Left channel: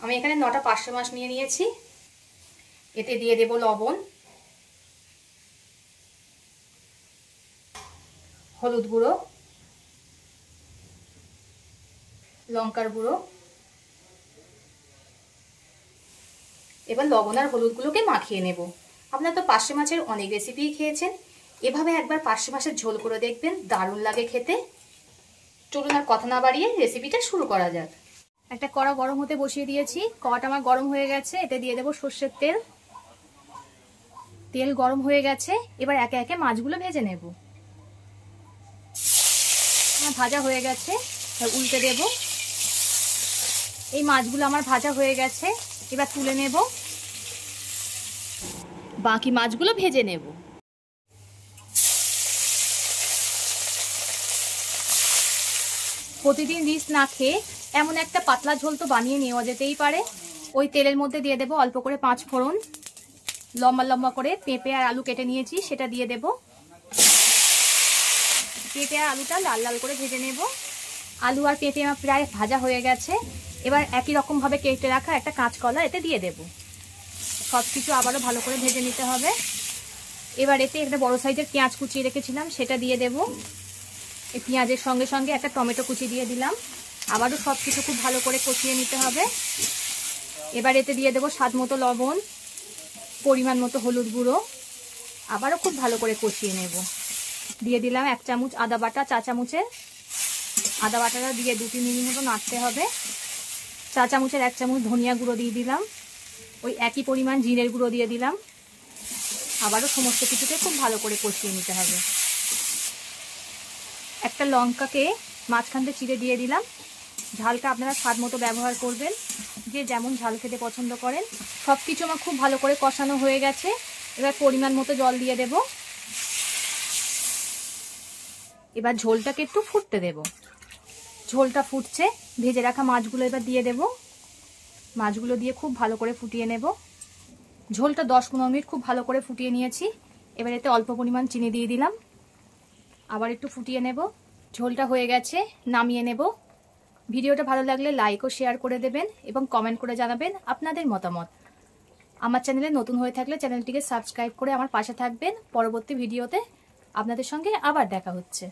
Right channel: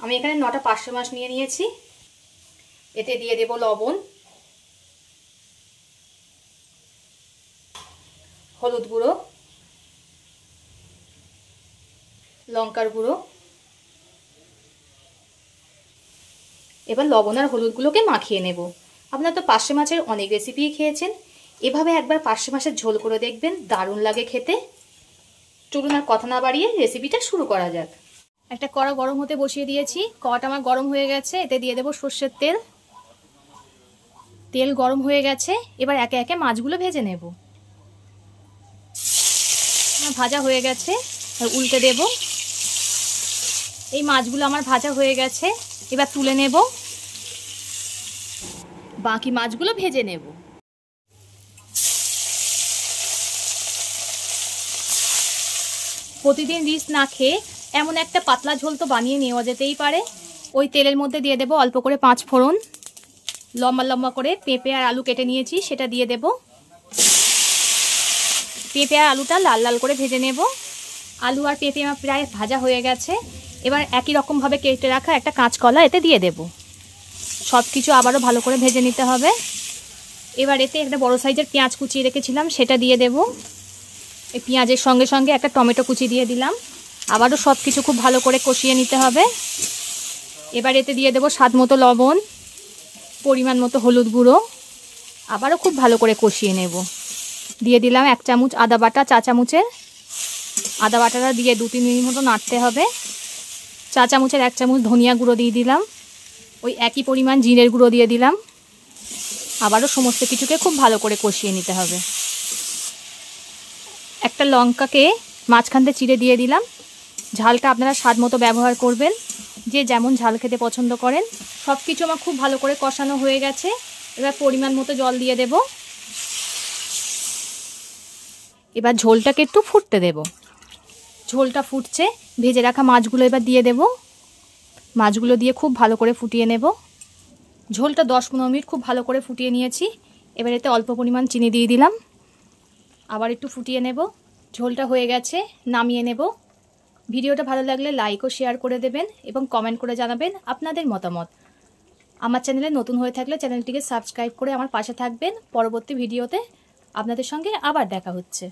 আমি এখানে 9টা পার্শে মাছ নিয়ে নিয়েছি। এতে দিয়ে দেব লবণ, হলুদ গুঁড়ো, লঙ্কার গুঁড়ো। এবার লবণ আর হলুদগুলোকে মাখিয়ে নেব। আপনারা তো পার্শে মাছের অনেক রেসিপি খেয়েছেন, এভাবে একবার পার্শে মাছের ঝোল করে দেখবেন, দারুণ লাগে খেতে। চলুন আর কথা না বাড়িয়ে রেসিপিটা শুরু করা যাক। একটা কড়া গরম হতে বসিয়ে দিয়েছি, কড়াটা আমার গরম হয়ে গেছে। এতে দিয়ে দেব সর্ষের তেল। তেল গরম হয়ে গেছে, এবার একে একে মাছগুলো ভেজে নেব। ভাজা হয়ে গেছে, উল্টে দেব। এই মাছগুলো আমার ভাজা হয়ে গেছে, এবার তুলে নেব। বাকি মাছগুলো ভেজে নেব। প্রতিদিন রিচ না খেয়ে এমন একটা পাতলা ঝোল তো বানিয়ে নেওয়া যেতেই পারে। ওই তেলের মধ্যে দিয়ে দেব অল্প করে 5 ফোড়ন। লম্বা লম্বা করে পেঁপে আর আলু কেটে নিয়েছি, সেটা দিয়ে দেব। পেঁপে আর আলুটা লাল লাল করে ভেজে নেব। আলু আর পেঁপে আমার প্রায় ভাজা হয়ে গেছে। এবার একই রকমভাবে কেটে রাখা একটা কাঁচকলা এতে দিয়ে দেব। সব কিছু আবারও ভালো করে ভেজে নিতে হবে। এবার এতে একটা বড় সাইজের পেঁয়াজ কুচিয়ে রেখেছিলাম, সেটা দিয়ে দেব। এই পেঁয়াজের সঙ্গে সঙ্গে একটা টমেটো কুচি দিয়ে দিলাম। আবারও সব কিছু খুব ভালো করে কষিয়ে নিতে হবে। এবার এতে দিয়ে দেব স্বাদ মতো লবণ, পরিমাণ মতো হলুদ গুঁড়ো। আবারও খুব ভালো করে কষিয়ে নেব। দিয়ে দিলাম 1 চামচ আদা বাটা, চা চামচের। আদা বাটাটা দিয়ে 2-3 মিনিট মতো নাড়তে হবে। চা চামচের 1 চামচ ধনিয়া গুঁড়ো দিয়ে দিলাম। ওই একই পরিমাণ জিরের গুঁড়ো দিয়ে দিলাম। আবারও সমস্ত কিছুকে খুব ভালো করে কষিয়ে নিতে হবে। একটা লঙ্কাকে মাঝখান থেকে চিড়ে দিয়ে দিলাম। ঝালটা আপনারা স্বাদ মতো ব্যবহার করবেন, যে যেমন ঝাল খেতে পছন্দ করেন। সব কিছু আমার খুব ভালো করে কষানো হয়ে গেছে। এবার পরিমাণ মতো জল দিয়ে দেব। এবার ঝোলটাকে একটু ফুটতে দেব। ঝোলটা ফুটছে, ভেজে রাখা মাছগুলো এবার দিয়ে দেব। মাছগুলো দিয়ে খুব ভালো করে ফুটিয়ে নেব। ঝোলটা 10-15 মিনিট খুব ভালো করে ফুটিয়ে নিয়েছি। এবার এতে অল্প পরিমাণ চিনি দিয়ে দিলাম। আবার একটু ফুটিয়ে নেব। ঝোলটা হয়ে গেছে, নামিয়ে নেব। ভিডিওটা ভালো লাগলে লাইক ও শেয়ার করে দেবেন এবং কমেন্ট করে জানাবেন আপনাদের মতামত। আমার চ্যানেলে নতুন হয়ে থাকলে চ্যানেলটিকে সাবস্ক্রাইব করে আমার পাশে থাকবেন। পরবর্তী ভিডিওতে আপনাদের সঙ্গে আবার দেখা হচ্ছে।